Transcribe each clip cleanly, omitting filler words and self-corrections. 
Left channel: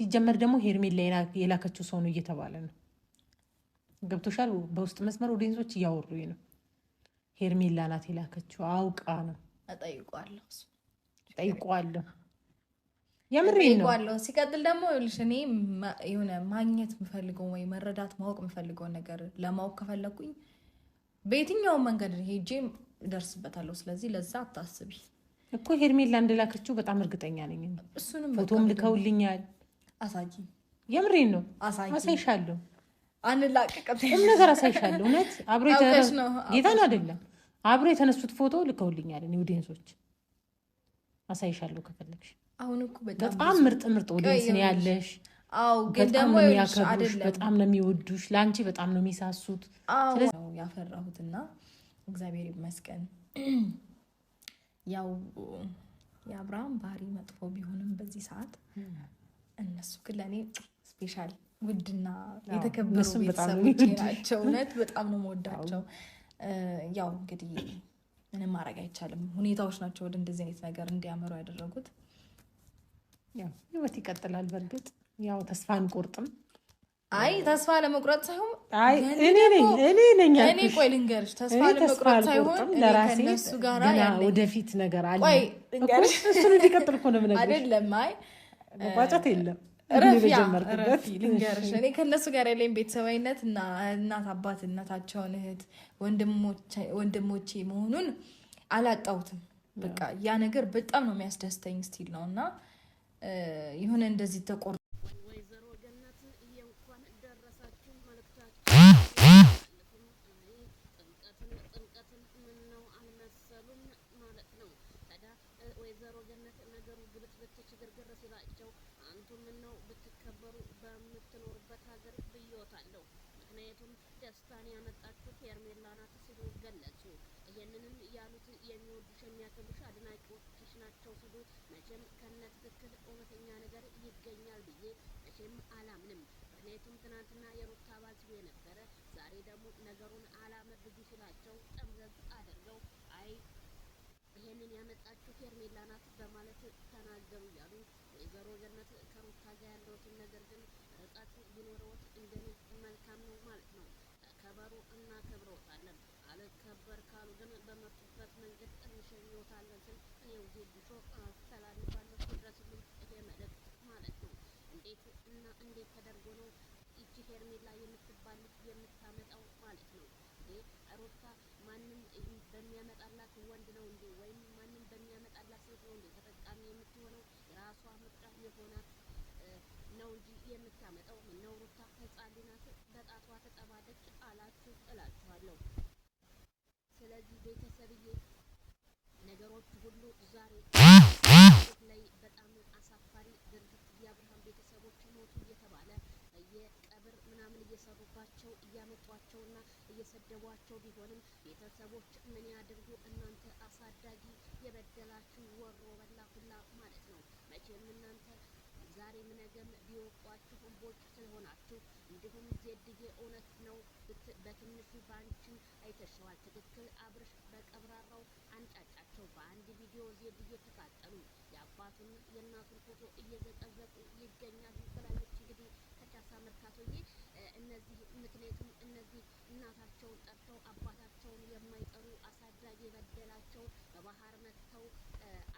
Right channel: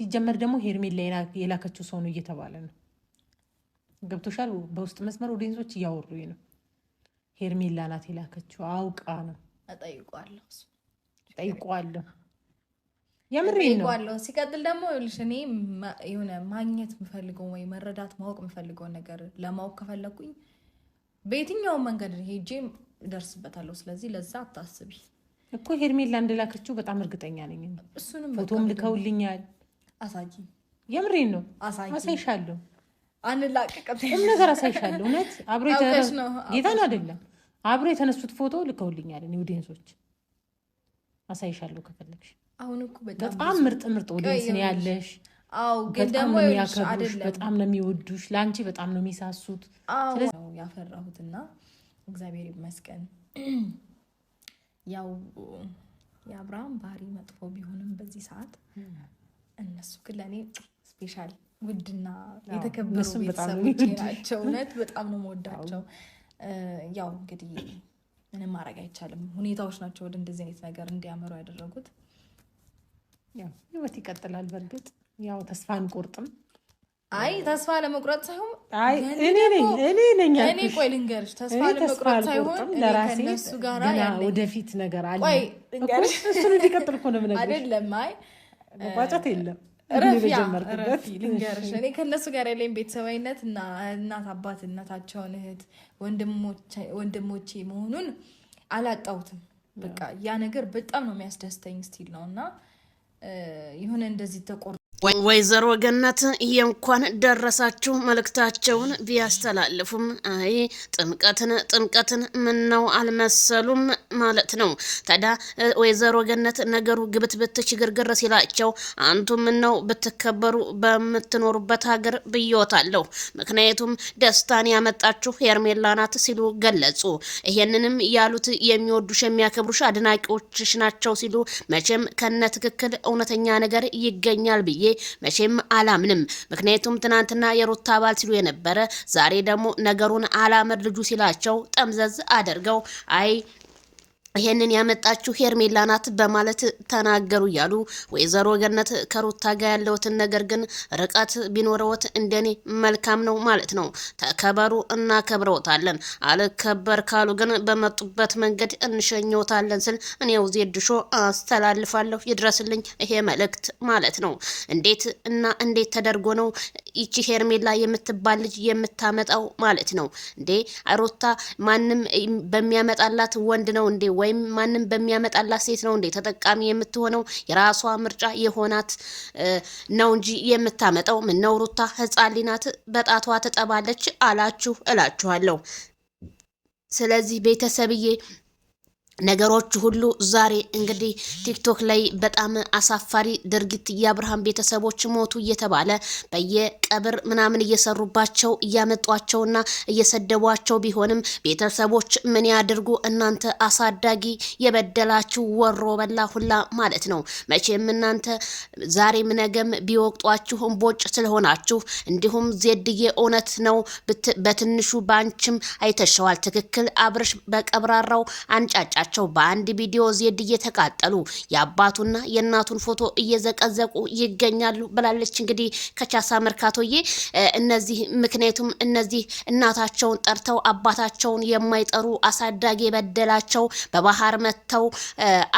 ሲጀመር ደግሞ ሄርሜላ የላከችው ሰው ነው እየተባለ ነው። ገብቶሻል? በውስጥ መስመር ኦዲየንሶች እያወሩኝ ነው። ሄርሜላ ናት የላከችው፣ አውቃ ነው። ጠይቋለሁ የምሬን ነው። ሲቀጥል ደግሞ እኔ የሆነ ማግኘት የምፈልገው ወይ መረዳት ማወቅ የምፈልገውን ነገር ለማወቅ ከፈለኩኝ በየትኛውም መንገድ ሄጄ እደርስበታለሁ። ስለዚህ ለዛ አታስቢ እኮ ሄርሜላ እንደላከችው በጣም እርግጠኛ ነኝ። እሱንም ፎቶም ልከውልኛል። አሳይ፣ የምሬን ነው። አሳይሻለሁ፣ አንላቀቅም ነገር አሳይሻለሁ። እውነት አብሮ ጌታን አይደለም አብሮ የተነሱት ፎቶ ልከውልኛል። እኔ ኦዲየንሶች አሳይሻለሁ ከፈለግሽ። አሁን እኮ በጣም ምርጥ ኦዲየንስ ነው ያለሽ። አው ግን ደግሞ የሚያከብሩሽ በጣም ነው የሚወዱሽ፣ ላንቺ በጣም ነው የሚሳሱት። ስለዚህ ያፈራሁትና እግዚአብሔር ይመስገን። ያው የአብርሃም ባህሪ መጥፎ ቢሆንም በዚህ ሰዓት እነሱ ግን ለኔ ስፔሻል ውድና የተከበሩ ቤተሰቦች ናቸው። እውነት በጣም ነው የምወዳቸው። ያው እንግዲህ ምንም ማድረግ አይቻልም። ሁኔታዎች ናቸው ወደ እንደዚህ አይነት ነገር እንዲያመሩ ያደረጉት። ያው ህይወት ይቀጥላል። በእርግጥ ያው ተስፋ አንቆርጥም። አይ ተስፋ ለመቁረጥ ሳይሆን እኔ ቆይ ልንገርሽ፣ ተስፋ ለመቁረጥ ሳይሆን ለራሴ ከነሱ ጋር ወደፊት ነገር አለ። ቆይ ልንገርሽ፣ እሱን እንዲቀጥል እኮ ነው የምነግርሽ። አይደለም አይ ቋጫት የለም ረፊ ልንገርሽ፣ እኔ ከነሱ ጋር ያለኝ ቤተሰባዊነት እና እናት አባት እናታቸውን እህት ወንድሞቼ መሆኑን አላጣሁትም። በቃ ያ ነገር በጣም ነው የሚያስደስተኝ ስቲል ነው። እና የሆነ እንደዚህ ተቆር ወይዘሮ ገነት የእንኳን ደረሳችሁ መልእክታቸውን ቢያስተላልፉም አይ ጥምቀትን ምነው አልመሰሉም ማለት ነው። ታዲያ ወይዘሮ ገነት ነገሩ ግብትብት ችግርግር ሲላቸው አንቱ ምነው ብትከበሩ በምትኖሩበት ሀገር ብዮታለሁ፣ ምክንያቱም ደስታን ያመጣችሁ ሄርሜላ ናት ሲሉ ገለጹ። ይሄንንም ያሉት የሚወዱሽ የሚያከብሩሽ አድናቂዎችሽ ናቸው ሲሉ መቼም ከነ ትክክል እውነተኛ ነገር ይገኛል ብዬ መቼም አላምንም። ምክንያቱም ትናንትና የሩታ አባል ሲሉ የነበረ ዛሬ ደግሞ ነገሩን አላመድ ልጁ ሲላቸው ጠምዘዝ አድርገው አይ ይሄንን ያመጣችሁ ሄርሜላ ናት በማለት ተናገሩ እያሉ ወይዘሮ ገነት ከሩታ ጋር ያለውትን ነገር ግን ርቀት ቢኖረውት እንደኔ መልካም ነው ማለት ነው። ተከበሩ እናከብረውታለን፣ አልከበር ካሉ ግን በመጡበት መንገድ እንሸኘውታለን ስል እኔው ዜድሾ አስተላልፋለሁ። ይድረስልኝ ይሄ መልእክት ማለት ነው። እንዴት ተደርጎ ነው ይቺ ሄርሜላ የምትባል ልጅ የምታመጣው ማለት ነው እንዴ? ሩታ ማንም በሚያመጣላት ወንድ ነው እንዴ ወይም ማንም በሚያመጣላት ሴት ነው እንዴ ተጠቃሚ የምትሆነው? የራሷ ምርጫ የሆናት ነው እንጂ የምታመጣው። ምን ነው ሩታ ህፃን ናት በጣቷ ትጠባለች አላችሁ እላችኋለሁ። ስለዚህ ቤተሰብዬ ነገሮች ሁሉ ዛሬ እንግዲህ ቲክቶክ ላይ በጣም አሳፋሪ ድርጊት የአብርሃም ቤተሰቦች ሞቱ እየተባለ በየቀብር ምናምን እየሰሩባቸው እያመጧቸውና እየሰደቧቸው ቢሆንም ቤተሰቦች ምን ያድርጉ እናንተ አሳዳጊ የበደላችሁ ወሮ በላ ሁላ ማለት ነው። መቼም እናንተ ዛሬም ነገም ቢወቅጧችሁ እምቦጭ ስለሆናችሁ እንዲሁም ዜድዬ እውነት ነው በትንሹ ባንችም አይተሸዋል። ትክክል አብርሽ በቀብራራው አንጫጫ በአንድ ቪዲዮ ዜድ እየተቃጠሉ የአባቱና የእናቱን ፎቶ እየዘቀዘቁ ይገኛሉ ብላለች። እንግዲህ ከቻሳ መርካቶዬ ምክንያቱም እነዚህ እናታቸውን ጠርተው አባታቸውን የማይጠሩ አሳዳጊ የበደላቸው በባህር መተው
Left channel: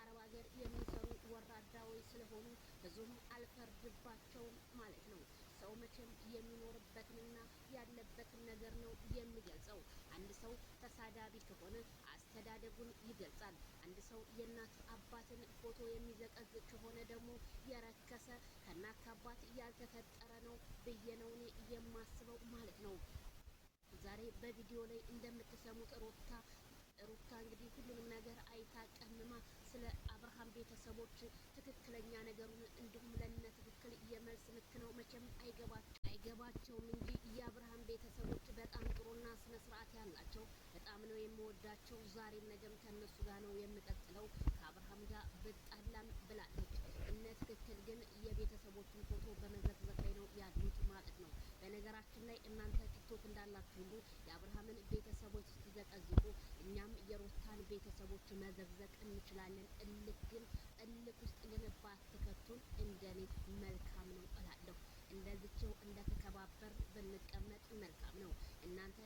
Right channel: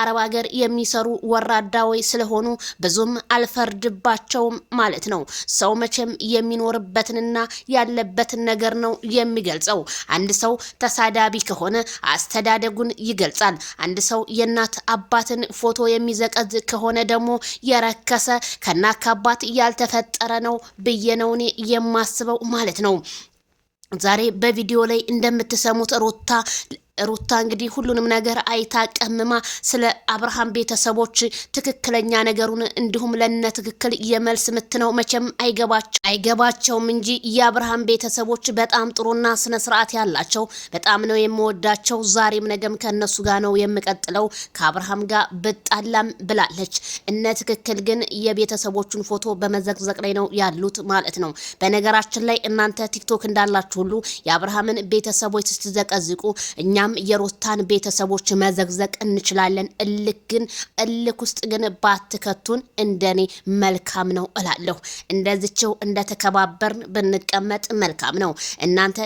አረብ ሀገር የሚሰሩ ወራዳዎች ስለሆኑ ብዙም አልፈርድባቸውም ማለት ነው። ሰው መቼም የሚኖርበትንና ያለበትን ነገር ነው የሚገልጸው። አንድ ሰው ተሳዳቢ ከሆነ አስተዳደጉን ይገልጻል። አንድ ሰው የእናት አባትን ፎቶ የሚዘቀዝ ከሆነ ደግሞ የረከሰ ከናካባት ያልተፈጠረ ነው ብዬ ነው እኔ የማስበው ማለት ነው። ዛሬ በቪዲዮ ላይ እንደምትሰሙት ሩታ እንግዲህ ሁሉንም ነገር አይታ ቀምማ ስለ አብርሃም ቤተሰቦች ትክክለኛ ነገሩን እንዲሁም ለነ ትክክል የመልስ ምት ነው መቼም አይገባቸውም እንጂ የአብርሃም ቤተሰቦች በጣም ጥሩና ስነ ስርዓት ያላቸው በጣም ነው የምወዳቸው። ዛሬም ነገም ከነሱ ጋር ነው የምቀጥለው። ከአብርሃም ጋር በጣላም ብላለች። እነ ትክክል ግን የቤተሰቦቹን ፎቶ በመዘቅዘቅ ላይ ነው ያሉት ማለት ነው። በነገራችን ላይ እናንተ ቲክቶክ እንዳላችሁ ሁሉ የአብርሃምን ቤተሰቦች ስትዘቀዝቁ እኛም እኛም የሩታን ቤተሰቦች መዘግዘቅ እንችላለን። እልክ ውስጥ ግን ባትከቱን እንደኔ መልካም ነው እላለሁ። እንደዚችው እንደተከባበርን ብንቀመጥ መልካም ነው። እናንተ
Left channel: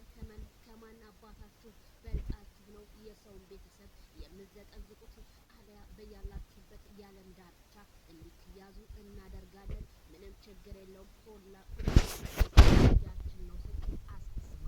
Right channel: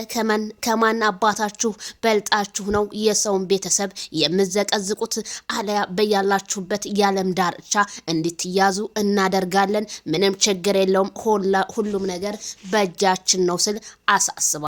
ከማን አባታችሁ በልጣችሁ ነው የሰውን ቤተሰብ የምዘቀዝቁት? አለያ በያላችሁበት የዓለም ዳርቻ እንድትያዙ እናደርጋለን። ምንም ችግር የለውም። ሁሉም ነገር በእጃችን ነው ስል አሳስባለሁ።